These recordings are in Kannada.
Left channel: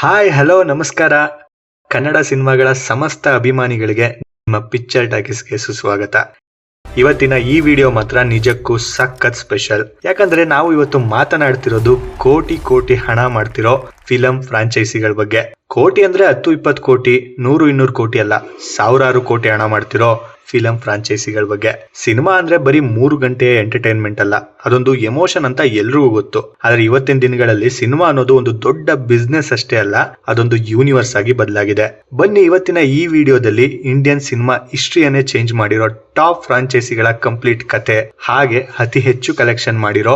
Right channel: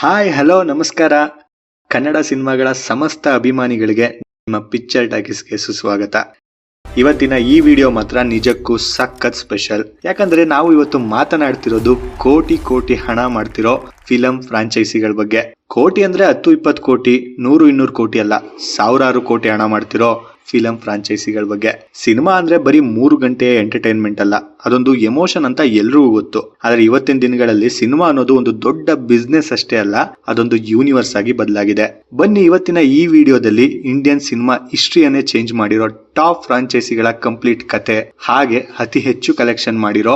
ಹಾಯ್ ಹಲೋ ನಮಸ್ಕಾರ. ಕನ್ನಡ ಸಿನಿಮಾಗಳ ಸಮಸ್ತ ಅಭಿಮಾನಿಗಳಿಗೆ ನಿಮ್ಮ ಪಿಕ್ಚರ್ ಟಾಕೀಸ್ಗೆ ಸುಸ್ವಾಗತ. ಇವತ್ತಿನ ಈ ವಿಡಿಯೋ ಮಾತ್ರ ನಿಜಕ್ಕೂ ಸಖತ್ ಸ್ಪೆಷಲ್. ಯಾಕಂದ್ರೆ ನಾವು ಇವತ್ತು ಮಾತನಾಡ್ತಿರೋದು ಕೋಟಿ ಕೋಟಿ ಹಣ ಮಾಡ್ತಿರೋ ಫಿಲಂ ಫ್ರಾಂಚೈಸಿಗಳ ಬಗ್ಗೆ. ಕೋಟಿ ಅಂದ್ರೆ 10-20 ಕೋಟಿ 100-200 ಕೋಟಿ ಅಲ್ಲ, ಸಾವಿರಾರು ಕೋಟಿ ಹಣ ಮಾಡ್ತಿರೋ ಫಿಲಂ ಫ್ರಾಂಚೈಸಿಗಳ ಬಗ್ಗೆ. ಸಿನಿಮಾ ಅಂದ್ರೆ ಬರೀ 3 ಗಂಟೆ ಎಂಟರ್ಟೈನ್ಮೆಂಟ್ ಅಲ್ಲ, ಅದೊಂದು ಎಮೋಷನ್ ಅಂತ ಎಲ್ರಿಗೂ ಗೊತ್ತು. ಆದ್ರೆ ಇವತ್ತಿನ ದಿನಗಳಲ್ಲಿ ಸಿನಿಮಾ ಅನ್ನೋದು ಒಂದು ದೊಡ್ಡ ಬಿಸ್ನೆಸ್ ಅಷ್ಟೇ ಅಲ್ಲ, ಅದೊಂದು ಯೂನಿವರ್ಸ್ ಆಗಿ ಬದಲಾಗಿದೆ. ಬನ್ನಿ ಇವತ್ತಿನ ಈ ವಿಡಿಯೋದಲ್ಲಿ ಇಂಡಿಯನ್ ಸಿನಿಮಾ ಹಿಸ್ಟ್ರಿಯನ್ನೇ ಚೇಂಜ್ ಮಾಡಿರೋ ಟಾಪ್ ಫ್ರಾಂಚೈಸಿಗಳ ಕಂಪ್ಲೀಟ್ ಕತೆ, ಹಾಗೆ ಅತಿ ಹೆಚ್ಚು ಕಲೆಕ್ಷನ್ ಮಾಡಿರೋ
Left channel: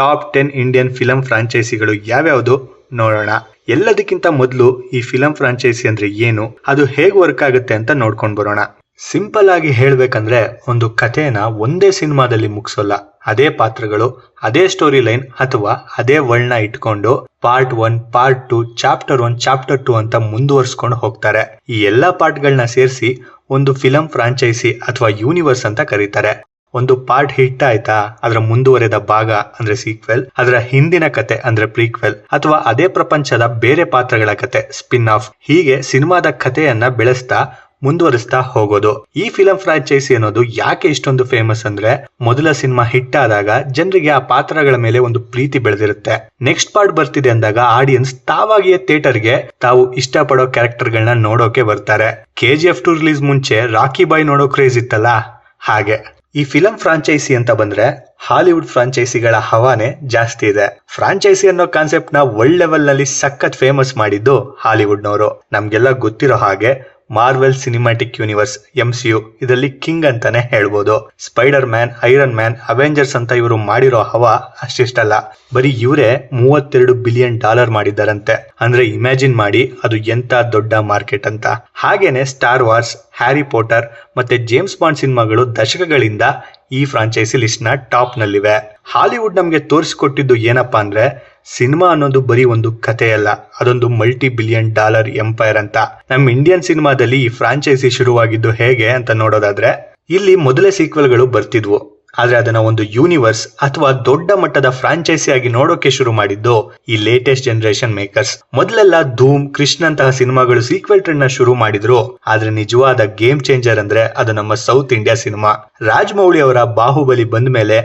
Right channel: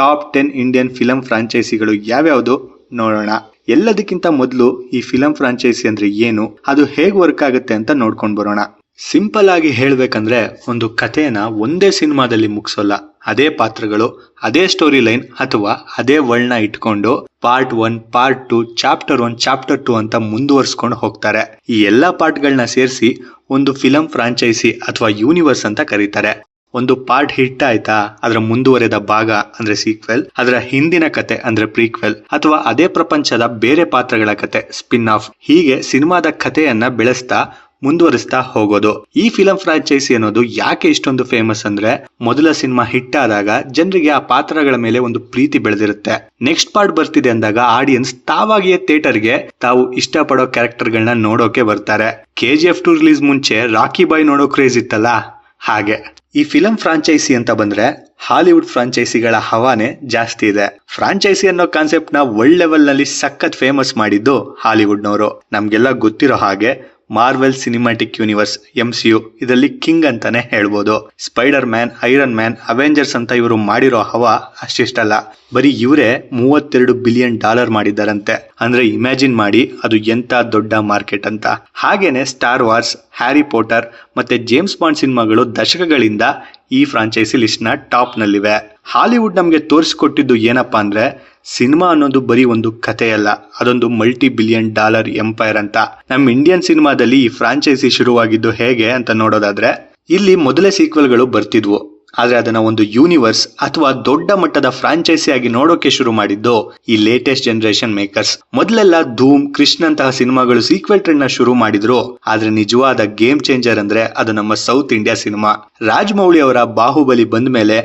ಟಾಪ್ 10 ಇಂಡಿಯನ್ ಫಿಲಂ ಫ್ರಾಂಚೈಸಿಗಳು ಯಾವ್ಯಾವುದು ನೋಡೋಣ. ಎಲ್ಲದಕ್ಕಿಂತ ಮೊದಲು ಈ ಫಿಲಂ ಫ್ರಾಂಚೈಸಿ ಅಂದ್ರೆ ಏನು, ಅದು ಹೇಗೆ ವರ್ಕ್ ಆಗುತ್ತೆ ಅಂತ ನೋಡ್ಕೊಂಡು ಬರೋಣ. ಸಿಂಪಲ್ ಆಗಿ ಹೇಳ್ಬೇಕಂದ್ರೆ ಒಂದು ಕಥೆನ ಒಂದೇ ಸಿನಿಮಾದಲ್ಲಿ ಮುಗಿಸೋಲ್ಲ. ಅದೇ ಪಾತ್ರಗಳು, ಅದೇ ಸ್ಟೋರಿ ಲೈನ್ ಅಥವಾ ಅದೇ ವರ್ಲ್ಡ್ನ ಇಟ್ಕೊಂಡು ಪಾರ್ಟ್ 1, ಪಾರ್ಟ್ 2, ಚಾಪ್ಟರ್ 1, ಚಾಪ್ಟರ್ 2 ಅಂತ ಮುಂದುವರ್ಸ್ಕೊಂಡು ಹೋಗ್ತಾರೆ. ಈ ಎಲ್ಲಾ ಪಾರ್ಟ್ಗಳನ್ನ ಸೇರಿಸಿ ಒಂದು ಫಿಲಂ ಫ್ರಾಂಚೈಸಿ ಅಥವಾ ಯೂನಿವರ್ಸ್ ಅಂತ ಕರೀತಾರೆ. ಒಂದು ಪಾರ್ಟ್ ಹಿಟ್ ಆಯ್ತಾ, ಅದರ ಮುಂದುವರೆದ ಭಾಗ ಅಂದ್ರೆ ಸೀಕ್ವೆಲ್, ಅದರ ಹಿಂದಿನ ಕತೆ ಅಂದ್ರೆ ಪ್ರೀಕ್ವೆಲ್, ಅಥವಾ ಅದೇ ಪ್ರಪಂಚದ ಬೇರೆ ಪಾತ್ರಗಳ ಕತೆ ಸ್ಪಿನ್ ಆಫ್. ಹೀಗೆ ಸಿನಿಮಾದ ಕಥೆಯನ್ನ ಬೆಳೆಸ್ತಾ ಮುಂದುವರಿಸ್ತಾ ಹೋಗೋದು. ಈ ಫಿಲಂ ಫ್ರಾಂಚೈಸಿ ಅನ್ನೋದು ಯಾಕೆ ಇಷ್ಟೊಂದು ಫೇಮಸ್ ಅಂದ್ರೆ, ಮೊದಲ ಸಿನಿಮಾ ಹಿಟ್ ಆದಾಗ ಜನರಿಗೆ ಆ ಪಾತ್ರಗಳ ಮೇಲೆ ಒಂದು ಪ್ರೀತಿ ಬೆಳೆದಿರುತ್ತೆ. ನೆಕ್ಸ್ಟ್ ಪಾರ್ಟ್ ಬರ್ತಿದೆ ಅಂದಾಗ ಆಡಿಯನ್ಸ್ ತಾವಾಗಿಯೇ ಥಿಯೇಟರ್ಗೆ ತಾವು ಇಷ್ಟಪಡೋ ಕ್ಯಾರೆಕ್ಟರ್ಗಳನ್ನ ನೋಡೋಕೆ ಬರ್ತಾರೆ. KGF 2 ರಿಲೀಸ್ ಮುಂಚೆ ರಾಕಿ ಬಾಯ್ ನೋಡೋ ಕ್ರೇಜ್ ಇತ್ತಲ್ಲ, ಹಾಗೆ ಈ ಫಿಲಂ ಫ್ರಾಂಚೈಸಿ ಅಂತ ಬಂದ್ರೆ ಹಾಲಿವುಡ್ ಫ್ರಾಂಚೈಸಿಗಳ ಹವಾನೆ ಜಾಸ್ತಿ ಇದೆ. ಫ್ರಾಂಚೈಸಿ ಅನ್ನೋ ಕಾನ್ಸೆಪ್ಟ್ ನ ವರ್ಲ್ಡ್ ಲೆವೆಲ್ ನಲ್ಲಿ ಸಖತ್ ಫೇಮಸ್ ಮಾಡಿದ್ದು ಹಾಲಿವುಡ್ ನವರು. ನಮ್ಗೆಲ್ಲ ಗೊತ್ತಿರೋ ಹಾಗೆ ಮಾರ್ವೆಲ್ ಸಿನಿಮ್ಯಾಟಿಕ್ ಯೂನಿವರ್ಸ್ MCU ಇದರಲ್ಲಿ ಕಿಂಗ್ ಅಂತಾನೆ ಹೇಳ್ಬೋದು. Spider man, iron man, Avengers ಅಂತ ಇವರು ಮಾಡಿರೋ ಹವಾ ಅಷ್ಟಿಷ್ಟಲ್ಲ. ಬರೀ ಇವರೇ $32 ಬಿಲಿಯನ್ ಮಾಡಿದ್ದಾರಂತೆ. ಅಂದ್ರೆ ಇಮ್ಯಾಜಿನ್ ಮಾಡಿ ಅದು ಎಂತ ದೊಡ್ಡ ಮಾರ್ಕೆಟ್ ಅಂತ. ಹಾಗೇನೆ ಸ್ಟಾರ್ ವಾರ್ಸ್, ಹ್ಯಾರಿ ಪೋಟರ್ ಮತ್ತೆ ಜೇಮ್ಸ್ ಬಾಂಡ್ ಸಿನಿಮಾಗಳು ದಶಕಗಳಿಂದ ಈ ಫ್ರಾಂಚೈಸಿ ಲಿಸ್ಟ್ ನ ಟಾಪ್ ನಲ್ಲಿವೆ. ಹಾಲಿವುಡ್ ನಮ್ಗೆ ತೋರಿಸಿಕೊಟ್ಟಿದ್ದು ಏನಪ್ಪಾ ಅಂದ್ರೆ, ಸಿನಿಮಾ ಅನ್ನೋದು ಬರೀ ಒಂದು ಕಥೆಯಲ್ಲ, ಅದೊಂದು $multi-billion ಎಂಪೈರ್ ಅಂತ. ನಮ್ಮ ಇಂಡಿಯನ್ ಸಿನಿಮಾದಲ್ಲಿ ಈ ಫ್ರಾಂಚೈಸಿ ಶುರುವಾಗಿದ್ದು ಹೇಗೆ ಅಂತ ನೋಡೋದಾದ್ರೆ, ಇಲ್ಲಿ ಮೊದಲೇ ಸೀಕ್ವೆಲ್ಗಳು ಬರ್ತಿದ್ವು, ಆದ್ರೆ ಅದನ್ನ ಒಂದು ಯೂನಿವರ್ಸ್ ಅಥವಾ ದೊಡ್ಡ ಮಟ್ಟದ ಫ್ರಾಂಚೈಸಿ ಆಗಿ ನೋಡೋಕೆ ಶುರು ಮಾಡಿದ್ದು ಈ ಲೇಟೆಸ್ಟ್ ಜನರೇಷನ್ ಮೇಕರ್ಸ್. ಮೊದಲೆಲ್ಲ ಧೂಮ್, ಕೃಷ್ಣ ಅಂತಹ ಸಿನಿಮಾಗಳು ಸೀಕ್ವೆಲ್ ಟ್ರೆಂಡ್ ನ ಶುರು ಮಾಡಿದ್ರು, ಆದ್ರೆ ನಿಜವಾದ ಗೇಮ್ ಚೇಂಜರ್ ಅಂದ್ರೆ ಅದು ನಮ್ಮ ಸೌತ್ ಇಂಡಿಯಾ ಸಿನಿಮಾ. ರಾಜಮೌಳಿ ಅವರ ಬಾಹುಬಲಿ ಬಂದ ಮೇಲೆ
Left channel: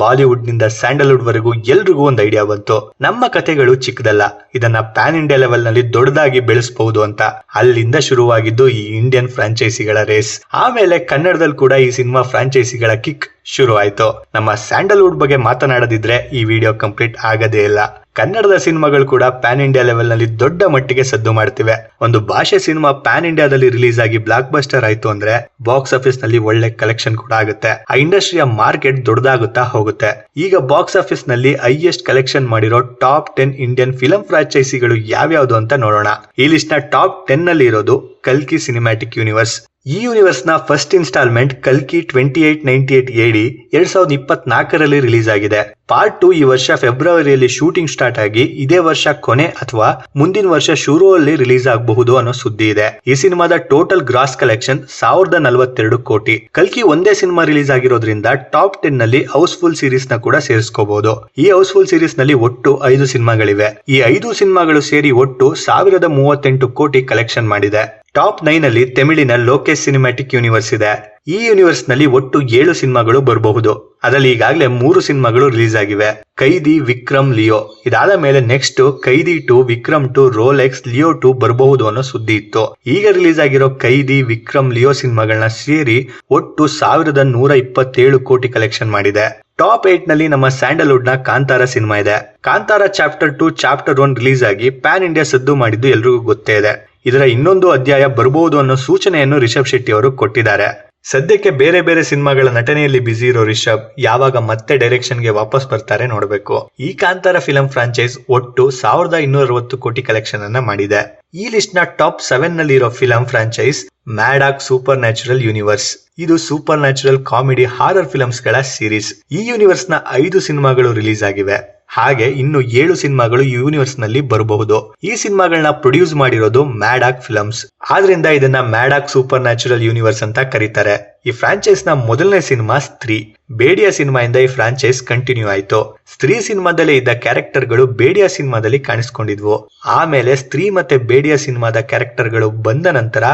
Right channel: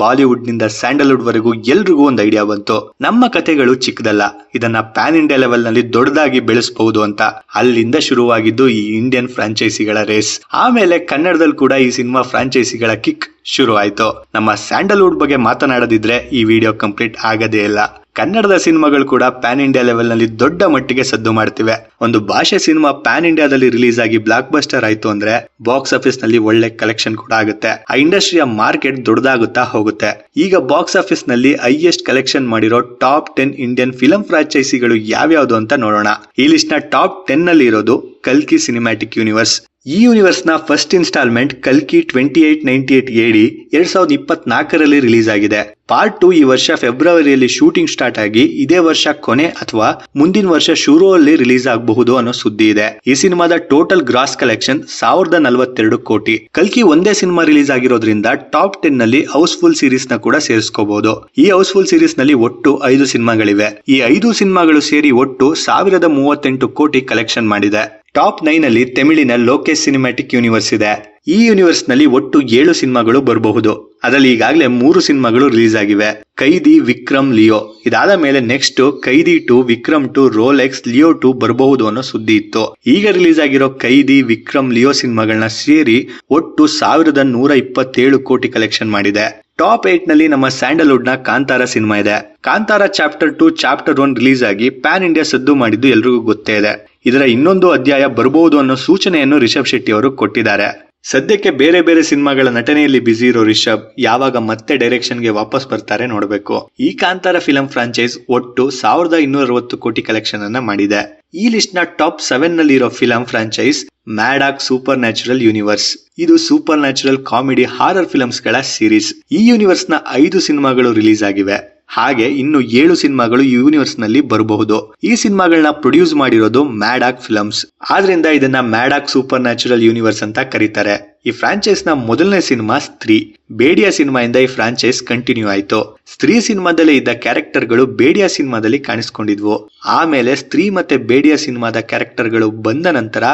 ಬಾಲಿವುಡ್ ನಿಂದ ಸ್ಯಾಂಡಲ್ವುಡ್ ವರೆಗೂ ಎಲ್ರಿಗೂ ಒಂದು ಐಡಿಯಾ ಬಂತು, ನಮ್ಮ ಕಥೆಗಳು ಚಿಕ್ಕದಲ್ಲ, ಇದನ್ನ ಪ್ಯಾನ್ ಇಂಡಿಯಾ ಲೆವೆಲ್ ನಲ್ಲಿ ದೊಡ್ಡದಾಗಿ ಬೆಳೆಸಬಹುದು ಅಂತ. ಅಲ್ಲಿಂದ ಶುರುವಾಗಿದ್ದು ಈ ಇಂಡಿಯನ್ ಫ್ರಾಂಚೈಸಿಗಳ ರೇಸ್. ಆಮೇಲೆ ಕನ್ನಡದಲ್ಲಿ ಕೂಡ ಈ ಸಿನಿಮಾ ಫ್ರಾಂಚೈಸಿಗಳ ಕಿಕ್ ಶುರು ಆಯ್ತು. ನಮ್ಮ ಸ್ಯಾಂಡಲ್ವುಡ್ ಬಗ್ಗೆ ಮಾತನಾಡದಿದ್ರೆ ಈ ವಿಡಿಯೋ ಕಂಪ್ಲೀಟ್ ಆಗದೇ ಇಲ್ಲ. ಕನ್ನಡದ ಸಿನಿಮಾಗಳು ಕೂಡ ಪ್ಯಾನ್ ಇಂಡಿಯಾ ಲೆವೆಲ್ ನಲ್ಲಿ ದೊಡ್ಡ ಮಟ್ಟಿಗೆ ಸದ್ದು ಮಾಡ್ತಿವೆ. ಒಂದು ಭಾಷೆ ಸಿನಿಮಾ ಪ್ಯಾನ್ ಇಂಡಿಯಾದಲ್ಲಿ ರಿಲೀಸ್ ಆಗಿ ಬ್ಲಾಕ್ ಬಸ್ಟರ್ ಆಯ್ತು ಅಂದ್ರೆ ಬಾಕ್ಸ್ ಆಫೀಸ್ ನಲ್ಲಿ ಒಳ್ಳೆ ಕಲೆಕ್ಷನ್ ಕೂಡ ಆಗುತ್ತೆ. ಆ ಇಂಡಸ್ಟ್ರಿಯ ಮಾರ್ಕೆಟ್ ದೊಡ್ಡದಾಗುತ್ತಾ ಹೋಗುತ್ತೆ. ಈಗ ಬಾಕ್ಸ್ ಆಫೀಸ್ ನಲ್ಲಿ ಹೈಯೆಸ್ಟ್ ಕಲೆಕ್ಷನ್ ಮಾಡಿರೋ ಟಾಪ್ 10 ಇಂಡಿಯನ್ ಫಿಲಂ ಫ್ರಾಂಚೈಸಿಗಳು ಯಾವ್ಯಾವುದು ಅಂತ ನೋಡೋಣ. ಈ ಲಿಸ್ಟ್ ನ ಟಾಪ್ 10 ನಲ್ಲಿ ಇರೋದು ಕಲ್ಕಿ ಸಿನಿಮ್ಯಾಟಿಕ್ ಯೂನಿವರ್ಸ್. ಈ ಯೂನಿವರ್ಸ್ ನ ಫಸ್ಟ್ ಇನ್ಸ್ಟಾಲ್ಮೆಂಟ್ ಕಲ್ಕಿ 2898 AD 2024ರಲ್ಲಿ ರಿಲೀಸ್ ಆಗಿದೆ. ಪಾರ್ಟ್ 2 ಈ ವರ್ಷ ಫೆಬ್ರವರಿಯಲ್ಲಿ ಶೂಟಿಂಗ್ ಸ್ಟಾರ್ಟ್ ಆಗಿ ಇದೇ ವರ್ಷ ಕೊನೆ ಅಥವಾ ಮುಂದಿನ ವರ್ಷ ಶುರುವಲ್ಲಿ ರಿಲೀಸ್ ಆಗಬಹುದು ಅನ್ನೋ ಸುದ್ದಿ ಇದೆ. ಈ ಸಿನಿಮಾದ ಟೋಟಲ್ ಗ್ರಾಸ್ ಕಲೆಕ್ಷನ್ 1042 ಕೋಟಿ. ಕಲ್ಕಿ ಒಂದೇ ಸಿನಿಮಾ ರಿಲೀಸ್ ಆಗಿರೋದ್ರಿಂದ ಟಾಪ್ 10 ನಲ್ಲಿ ಹೌಸ್ಫುಲ್ ಸೀರೀಸ್ ನ ಕೂಡ ಸೇರಿಸ್ಕೋಬಹುದು. ಈ ಹೌಸ್ಫುಲ್ ಸೀರೀಸ್ ನಲ್ಲಿ ಒಟ್ಟು 5 ಸಿನಿಮಾಗಳಿವೆ. ಈ 5 ಸಿನಿಮಾಗಳು ಸೇರಿ ಒಟ್ಟು 1038 ಕೋಟಿ ಕಲೆಕ್ಷನ್ ಮಾಡಿದೆ. ಟಾಪ್ 9 ಅಲ್ಲಿ ತಮಿಳಿನ ಲೋಕೇಶ್ ಸಿನಿಮ್ಯಾಟಿಕ್ ಯೂನಿವರ್ಸ್ ಇದೆ. ಈ ಯೂನಿವರ್ಸ್ ನಲ್ಲಿ ಒಟ್ಟು 7 ಸಿನಿಮಾಗಳು ಬರಬಹುದು. ಅದರಲ್ಲಿ ಈಗಾಗಲೇ 3 ಸಿನಿಮಾಗಳು ರಿಲೀಸ್ ಆಗಿವೆ. ಕೈದಿ, ವಿಕ್ರಮ್, ಲಿಯೋ. ಇದಾದ ಮೇಲೆ ನೆಕ್ಸ್ಟ್ ಕೈದಿ 2, ವಿಕ್ರಮ್ 2, ರೋಲೆಕ್ಸ್, ಲಿಯೋ 2 ಬರಬಹುದು ಅನ್ನೋ ಸುದ್ದಿ ಇತ್ತು. ಈಗ ರಿಲೀಸ್ ಆಗಿರೋ ಕೈದಿ, ವಿಕ್ರಮ್, ಲಿಯೋ ಸಿನಿಮಾಗಳನ್ನ ಸೇರಿ ಒಟ್ಟು 1127 ಕೋಟಿ ಕಲೆಕ್ಷನ್ ಮಾಡಿದೆ. ಟಾಪ್ 8 ನಲ್ಲಿ ನಮ್ಮ ಸ್ಯಾಂಡಲ್ವುಡ್ ನ ಕಾಂತಾರ ಸಿನಿಮಾ ಇದೆ. ಕಾಂತಾರ ಚಾಪ್ಟರ್ 2, ಚಾಪ್ಟರ್ 1 ರಿಲೀಸ್ ಆಗಿ ಪ್ಯಾನ್ ಇಂಡಿಯಾ ಸದ್ದು ಮಾಡಿದ್ದು ಎಲ್ರಿಗೂ ಗೊತ್ತೇ ಇದೆ. ಇದರ ಇನ್ನೊಂದು ಅಧ್ಯಾಯ ಬರಬಹುದು ಅನ್ನೋ ಸೂಚನೆಯನ್ನು ರಿಷಬ್ ಶೆಟ್ಟಿ ಅವರು ಕೊಟ್ಟಿದ್ದಾರೆ. ಸದ್ಯಕ್ಕೆ ಬೇರೆ ಬೇರೆ ಸಿನಿಮಾಗಳ ನಟನೆಯಲ್ಲಿ ಬಿಸಿ ಇರೋ ರಿಷಬ್ ಯಾವಾಗ ಮತ್ತೆ ಡೈರೆಕ್ಷನ್ ಗೆ ವಾಪಸ್ ಬರ್ತಾರೆ ನೋಡಬೇಕು. ಈ ಕಾಂತಾರ ಫಿಲಂ ಫ್ರಾಂಚೈಸ್ ಒಟ್ಟು 1260 ಕೋಟಿ ಕಲೆಕ್ಷನ್ ಅನ್ನ ಮಾಡಿದೆ. ಈ ಲಿಸ್ಟ್ ನ ಟಾಪ್ 7 ನಲ್ಲಿ ಇರೋ film franchise Maddock supernatural universe. ಇದು supernatural comedy horror films ಗಳ ಸೀರೀಸ್. ಈ ಯೂನಿವರ್ಸ್ ನ 5 ಸಿನಿಮಾಗಳು ರಿಲೀಸ್ ಆಗಿವೆ. ಹಾಗೆ ಇನ್ನು 7 ಸಿನಿಮಾಗಳು ಯೂನಿವರ್ಸ್ ನಲ್ಲಿ ಬರಬಹುದು. ಈ ಸಿನಿಮಾಗಳನ್ನ ಪ್ರೊಡ್ಯೂಸ್ ಮಾಡಿರೋದು ಮ್ಯಾಡಾಕ್ ಫಿಲ್ಮ್ಸ್. ಆದ್ರಿಂದ ಇದನ್ನ ಮ್ಯಾಡಾಕ್ ಸೂಪರ್ ನ್ಯಾಚುರಲ್ ಯೂನಿವರ್ಸ್ ಅಂತ ಕರೀತಾರೆ. ಈ ಫ್ರಾಂಚೈಸ್ ನ ಮೊದಲನೇ ಸಿನಿಮಾ ಸ್ತ್ರೀ. ಬೇಡಿಯಾ ಸಿನಿಮಾಯಿಂದ ಈ ಫ್ರಾಂಚೈಸ್ ಕಂಟಿನ್ಯೂ ಆಯ್ತು. ಸ್ತ್ರೀ ಸಿನಿಮಾದಲ್ಲಿ ಇದ್ದ ಕ್ಯಾರೆಕ್ಟರ್ಗಳು ಬೇಡಿಯಾ ಸಿನಿಮಾದಲ್ಲಿ ಕಾಣಿಸ್ಕೊಂಡಿದ್ವು. ಆಮೇಲೆ ಸ್ತ್ರೀ ಮತ್ತೆ ಬೇಡಿಯಾ ಸಿನಿಮಾದ ಕ್ಯಾರೆಕ್ಟರ್ಗಳು ಬಂದ ನಂತರ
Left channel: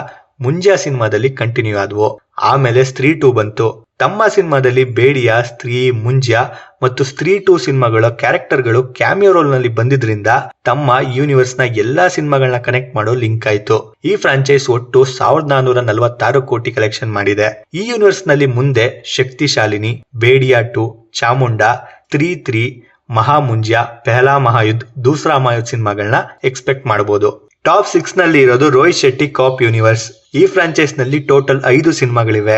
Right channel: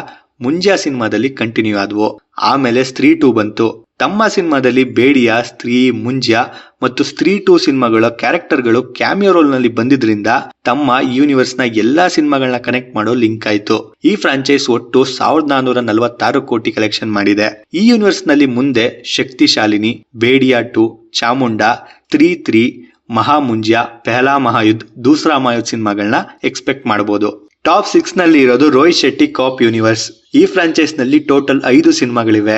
ಮುಂಜಾ ಸಿನಿಮಾದಲ್ಲಿ ಕಂಟಿನ್ಯೂ ಆದ್ವು. ಆಮೇಲೆ ಸ್ತ್ರೀ 2 ಬಂತು. ತಮ್ಮ ಸಿನಿಮಾದಲ್ಲಿ ಬೇಡಿಯಾ, ಸ್ತ್ರೀ, ಮುಂಜಾ ಮತ್ತು ಸ್ತ್ರೀ 2 ಸಿನಿಮಾಗಳ ಕ್ಯಾರೆಕ್ಟರ್ಗಳು ಕ್ಯಾಮಿಯೋ ರೋಲ್ ನಲ್ಲಿ ಬಂದಿದ್ರಿಂದ ತಮ್ಮ ಯೂನಿವರ್ಸ್ ನ ಎಲ್ಲಾ ಸಿನಿಮಾಗಳನ್ನ ಕನೆಕ್ಟ್ ಮಾಡೋ ಲಿಂಕ್ ಆಯ್ತು. ಈ ಫ್ರಾಂಚೈಸ್ ಒಟ್ಟು 1446 ಕೋಟಿ ಕಲೆಕ್ಷನ್ ಮಾಡಿದೆ. ಈ ಯೂನಿವರ್ಸ್ ನಲ್ಲಿ ಮುಂದೆ ಶಕ್ತಿಶಾಲಿನಿ, ಬೇಡಿಯಾ 2, ಚಾಮುಂಡಾ, ಸ್ತ್ರೀ 3, ಮಹಾ ಮುಂಜಾ, ಪೆಹಲಾ ಮಹಾಯುದ್ಧ, ದೂಸರಾ ಮಹಾಯುದ್ಧ ಸಿನಿಮಾಗಳನ್ನ ಎಕ್ಸ್ಪೆಕ್ಟ್ ಮಾಡಬಹುದು. ಟಾಪ್ 6 ನಲ್ಲಿ ಇರೋದು ರೋಹಿತ್ ಶೆಟ್ಟಿ ಕಾಪ್ ಯೂನಿವರ್ಸ್. ಈ ಫ್ರಾಂಚೈಸ್ ನಲ್ಲಿ ಟೋಟಲ್ 5 ಸಿನಿಮಾಗಳಿವೆ.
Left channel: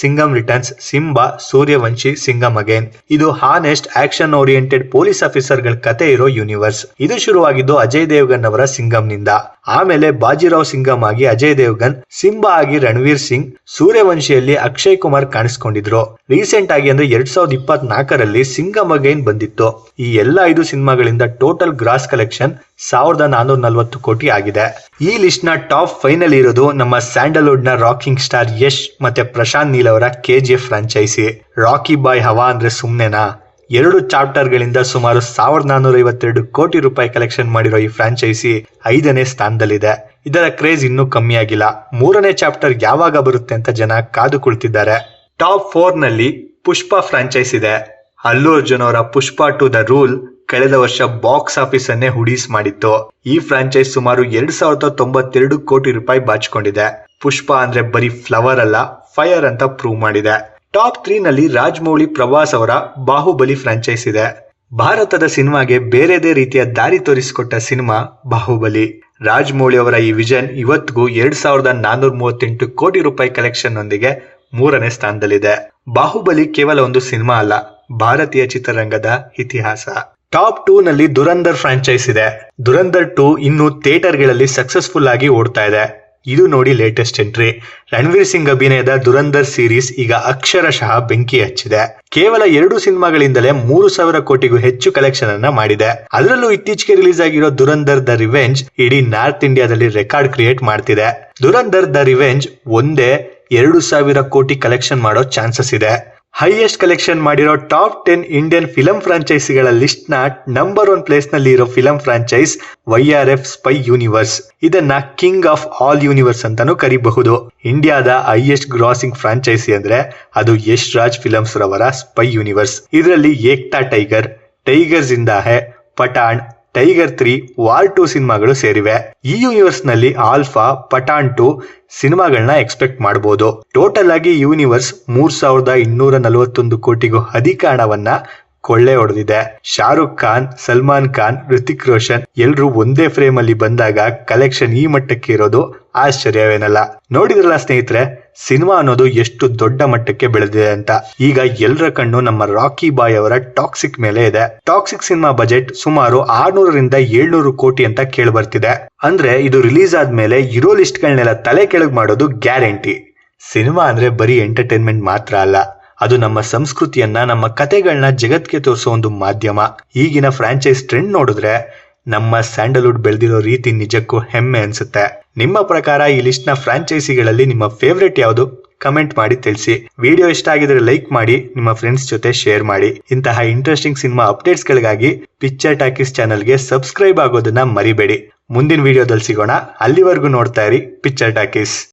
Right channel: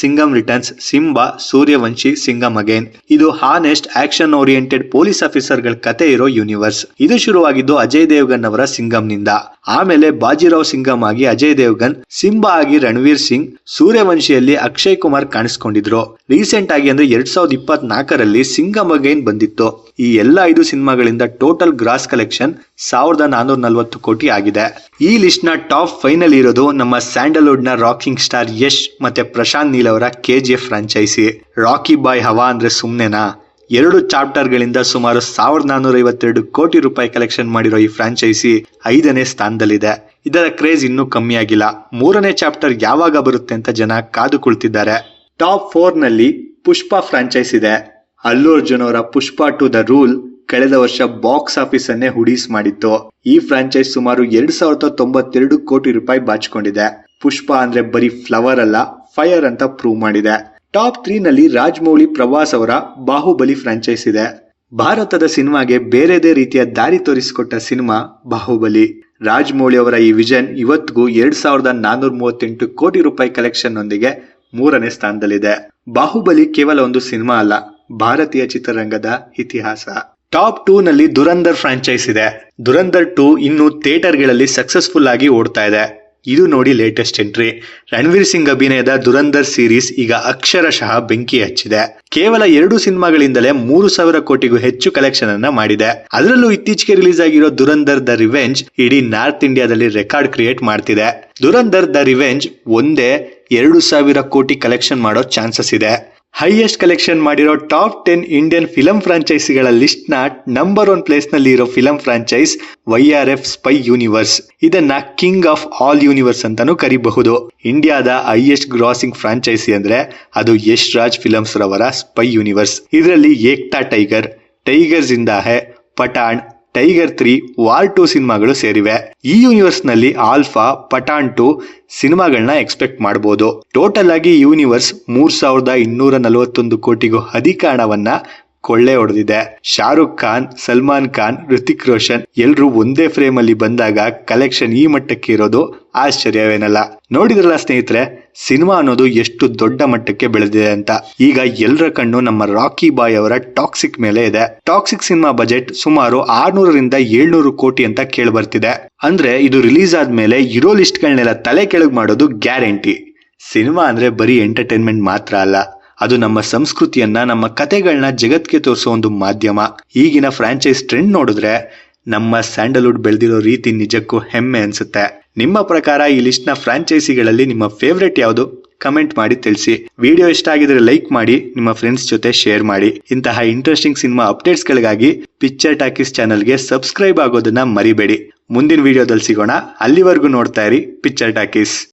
Singham returns, Simmba, Sooryavanshi, Singham again. ಇದು honest action oriented police officer ಗಳ ಕತೆ ಇರೋ ಯೂನಿವರ್ಸ್. ಇದು ಶುರುವಾಗಿದ್ದು ಅಜಯ್ ದೇವ್ಗನ್ ಅವರ ಸಿಂಗಮ್ ನಿಂದ. ಆಮೇಲೆ ಬಾಜಿರಾವ್ ಸಿಂಗಮ್ ಆಗಿ ಅಜಯ್ ದೇವ್ಗನ್, ಸಿಂಬಾ ಆಗಿ ರಣವೀರ್ ಸಿಂಗ್, ಸೂರ್ಯವಂಶಿಯಲ್ಲಿ ಅಕ್ಷಯ್ ಕುಮಾರ್ ಕಾಣಿಸ್ಕೊಂಡಿದ್ರು. ರೀಸೆಂಟ್ ಆಗಿ ಅಂದ್ರೆ 2024ರಲ್ಲಿ ಸಿಂಗಮ್ ಅಗೇನ್ ಬಂದಿತ್ತು. ಈ ಎಲ್ಲಾ 5 ಸಿನಿಮಾಗಳಿಂದ ಟೋಟಲ್ ಗ್ರಾಸ್ ಕಲೆಕ್ಷನ್ 1440 ಕೋಟಿ ಆಗಿದೆ. ಈ ಲಿಸ್ಟ್ ನ ಟಾಪ್ 5 ನಲ್ಲಿ ಇರೋದು ನಮ್ಮ ಸ್ಯಾಂಡಲ್ವುಡ್ ನ ರಾಕಿಂಗ್ ಸ್ಟಾರ್ ಯಶ್ ಮತ್ತೆ ಪ್ರಶಾಂತ್ ನೀಲ್ ಅವರ KGF ಫ್ರಾಂಚೈಸಿ. ರಾಕಿ ಬಾಯ್ ಹವಾ ಅಂದ್ರೆ ಸುಮ್ನೆನಾ? 2 ಚಾಪ್ಟರ್ ಗಳಿಂದ ಸುಮಾರು 1452 ಕೋಟಿ ರೂಪಾಯಿ ಕಲೆಕ್ಷನ್ ಮಾಡಿರೋ ಈ ಫ್ರಾಂಚೈಸಿ 5ನೇ ಸ್ಥಾನದಲ್ಲಿದೆ. ಇದರ ಕ್ರೇಜ್ ಇನ್ನೂ ಕಮ್ಮಿ ಆಗಿಲ್ಲ. 3ನೇ ಚಾಪ್ಟರ್ ಯಾವಾಗ ಬರುತ್ತೆ ಅಂತ ಜನ ಕಾದು ಕುಳಿತಿದ್ದಾರೆ. ಟಾಪ್ 4 ನಲ್ಲಿ ಪುಷ್ಪ ಫ್ರಾಂಚೈಸ್ ಇದೆ. ಅಲ್ಲು ಅರ್ಜುನ್ ಅವರ ಪುಷ್ಪ 2 ದ ರೂಲ್ ಕಳೆದ ವರ್ಷ ಬಾಕ್ಸ್ ಆಫೀಸ್ ಅನ್ನೇ ಹುಡೀಸ್ ಮಾಡಿತ್ತು. ಈ ಫ್ರಾಂಚೈಸ್ ಸುಮಾರು 2092 ಕೋಟಿ ರೂಪಾಯಿ ಬಾಚಿಕೊಂಡಿದೆ. ಪುಷ್ಪ ಅಂದ್ರೆ ಬರೀ ಫ್ಲವರ್ ಅಲ್ಲ, ಫೈರ್ ಅಂತ ಪ್ರೂವ್ ಮಾಡಿದೆ. ಟಾಪ್ 3 ನಲ್ಲಿ ರಾಜಮೌಳಿ ಪ್ರಭಾಸ್ ಅವರ ಬಾಹುಬಲಿ ಫ್ರಾಂಚೈಸ್ ಇದೆ. ಭಾರತದ ಸಿನಿಮಾಗೆ ಬೇರೆದೇ ರೀತಿಯ ದಾರಿ ತೋರಿಸಿಕೊಟ್ಟ ಸಿನಿಮಾ ಬಾಹುಬಲಿ. ರಾಜಮೌಳಿ ಅವರ ಈ ವಿಷನ್ ಇವತ್ತಿಗೂ 2438 ಕೋಟಿ ರೂಪಾಯಿ ಕಲೆಕ್ಷನ್ ನೊಂದಿಗೆ 3ನೇ ಸ್ಥಾನದಲ್ಲಿದೆ. ಬಾಹುಬಲಿ ಕೇವಲ ಒಂದು ಸಿನಿಮಾ ಅಲ್ಲ, ಭಾರತೀಯ ಚಿತ್ರರಂಗದ ಇತಿಹಾಸ. ಟಾಪ್ 2 ನಲ್ಲಿ ದುರಂಧರ್ ಫ್ರಾಂಚೈಸ್ ಇದೆ. ದುರಂಧರ್ 2 ಇನ್ನು ಥಿಯೇಟರ್ಗಳಲ್ಲಿ ಸಕ್ಸಸ್ಫುಲ್ ಆಗಿ ಓಡ್ತಾ ಇದೆ. ಇದು ನೋಡಿ ಲೇಟೆಸ್ಟ್ ಎಂಟ್ರಿ. ರಣವೀರ್ ಸಿಂಗ್ ಅಭಿನಯದ ದುರಂಧರ್ ಸೀರೀಸ್ ಈಗ ಅಕ್ಷರಶಃ ಬೆಂಕಿ ಹಚ್ಚಿದೆ. ಕೇವಲ 2 ಸಿನಿಮಾಗಳಿಂದಲೇ 3000 ಕೋಟಿಗೂ ಹೆಚ್ಚು ಕಲೆಕ್ಷನ್ ಅನ್ನ ಮಾಡಿದೆ. ಅದರಲ್ಲೂ ಇತ್ತೀಚೆಗೆ ರಿಲೀಸ್ ಆಗಿರೋ ದುರಂಧರ್ ದ ರಿವೆಂಜ್ ಇಡೀ ನಾರ್ತ್ ಇಂಡಿಯಾದಲ್ಲಿ ರೆಕಾರ್ಡ್ ಕ್ರಿಯೇಟ್ ಮಾಡ್ತಿದೆ. ದುರಂಧರ್ ದ ರಿವೆಂಜ್ ಒಂದೇ 2000 ಕೋಟಿ ಕಲೆಕ್ಷನ್ ಮಾಡೋ ಚಾನ್ಸಸ್ ಇದೆ. ಹೈಯೆಸ್ಟ್ ಕಲೆಕ್ಷನ್ ಮಾಡಿರೋ ಟಾಪ್ 10 ಇಂಡಿಯನ್ ಫಿಲಂ ಫ್ರಾಂಚೈಸಿಗಳ ಲಿಸ್ಟ್ ನ ನಂಬರ್ 1 ಪ್ಲೇಸ್ ನಲ್ಲಿ ಇರೋ film franchise YRF spy universe. ಇದನ್ನ ಕಿಂಗ್ ಆಫ್ ಆಲ್ ಯೂನಿವರ್ಸ್ ಅಂತಾನೂ ಕರಿಬಹುದು. ಇಂಡಿಯಾದ ಹೈಯೆಸ್ಟ್ ಗ್ರಾಸಿಂಗ್ ಫ್ರಾಂಚೈಸಿ ಅಂದ್ರೆ ಅದು ಯಶ್ ರಾಜ್ ಫಿಲಮ್ಸ್ ರವರ ಸ್ಪೈ ಯೂನಿವರ್ಸ್. ಇದರಲ್ಲಿ Ekta tiger, tiger ಜಿಂದಾ high, Pathan, tiger 3, war 2 ಸಿನಿಮಾಗಳು ಸೇರಿವೆ. ಈ ಯೂನಿವರ್ಸ್ ನಲ್ಲಿ ಆಲ್ಫಾ, ಪಠಾಣ್ 2 ಸಿನಿಮಾಗಳನ್ನ ಎಕ್ಸ್ಪೆಕ್ಟ್ ಮಾಡಬಹುದು. ಟೋಟಲ್ ಆಗಿ ಯೂನಿವರ್ಸ್ 3241 ಕೋಟಿಗೂ ಅಧಿಕ ಹಣವನ್ನ ಕೊಳ್ಳೆ ಹೊಡೆದಿದೆ. ಶಾರುಖ್ ಖಾನ್, ಸಲ್ಮಾನ್ ಖಾನ್, ಋತಿಕ್ ರೋಷನ್ ಎಲ್ರು ಒಂದೇ ಫ್ರೇಮ್ ಅಲ್ಲಿ ಬಂದಾಗ ಕಲೆಕ್ಷನ್ ಈ ಮಟ್ಟಕ್ಕೆ ಇರೋದು ಆಶ್ಚರ್ಯವೇನಲ್ಲ. ನೋಡಿದ್ರಲ್ಲ ಸ್ನೇಹಿತರೆ, ಸಿನಿಮಾ ಅನ್ನೋದು ಎಷ್ಟು ದೊಡ್ಡ ಮಟ್ಟಕ್ಕೆ ಬೆಳೆದಿದೆ ಅಂತ. ಈಗ ಎಲ್ಲರ ಕಣ್ಣು ನಮ್ಮ ರಾಕಿ ಬಾಯ್ ಅವರ ಟಾಕ್ಸಿಕ್ ಮೇಲೆ ಇದೆ. ಟಾಕ್ಸಿಕ್ ಸಿನಿಮಾ ಬಜೆಟ್ ಸುಮಾರು 600 ರಿಂದ 700 ಕೋಟಿ ಅಂತ ಕೇಳಿ ಬರ್ತಿದೆ. ಅಂದ್ರೆ ಇದು ರಿಲೀಸ್ ಆದ್ಮೇಲೆ ಇರೋ ಲಿಸ್ಟ್ ಗಳನ್ನೆಲ್ಲ ತಲೆ ಕೆಳಗೆ ಮಾಡೋದು ಗ್ಯಾರಂಟಿ. ಸಿನಿಮಾ ಅಂದ್ರೆ ಬರೀ ಎಂಟರ್ಟೈನ್ಮೆಂಟ್ ಮಾತ್ರ ಅಲ್ಲ, ಅದು ನಮ್ಮ ಸಂಸ್ಕೃತಿಯನ್ನ, ನಮ್ಮ ಕತೆಗಳನ್ನ ಜಗತ್ಗೆ ತೋರಿಸೋ ಒಂದು ಮಾಧ್ಯಮ. ಈಗಿನ ಫ್ರಾಂಚೈಸ್ ಟ್ರೆಂಡ್ ನೋಡಿದ್ರೆ ನಮ್ಮ ಸ್ಯಾಂಡಲ್ವುಡ್ ಬೆಳೆದಿರೋ ರೀತಿ ನಿಜಕ್ಕೂ ಹೆಮ್ಮೆ ಅನ್ಸುತ್ತೆ. ನಿಮ್ಮ ಪ್ರಕಾರ ಈ ಲಿಸ್ಟ್ ನ ಫ್ರಾಂಚೈಸಿಗಳಲ್ಲಿ ನಿಮ್ಮ ಫೇವ್ರೆಟ್ ಯಾವುದು? ಕಮೆಂಟ್ ಮಾಡಿ ತಿಳಿಸಿ. ವಿಡಿಯೋ ಇಷ್ಟ ಆಗಿದ್ರೆ ಲೈಕ್ ಮಾಡಿ, ನಿಮ್ಮ ಫ್ರೆಂಡ್ಸ್ ಜೊತೆ ಶೇರ್ ಮಾಡಿ. ಇಂತಹ ಇಂಟ್ರೆಸ್ಟಿಂಗ್ ಸಿನಿಮಾ ಅಪ್ಡೇಟ್ಸ್ ಗಳಿಗಾಗಿ ಪಿಕ್ಚರ್ ಟಾಕೀಸ್ ಚಾನಲ್ಗೆ ಸಬ್ಸ್ಕ್ರೈಬ್ ಆಗೋದನ್ನ ಮರಿಬೇಡಿ. ಮುಂದಿನ ವಿಡಿಯೋದಲ್ಲಿ ಸಿಗೋಣ. ಅಲ್ಲಿವರೆಗೂ ನೋಡ್ತಾ ಇರಿ ಪಿಕ್ಚರ್ ಟಾಕೀಸ್.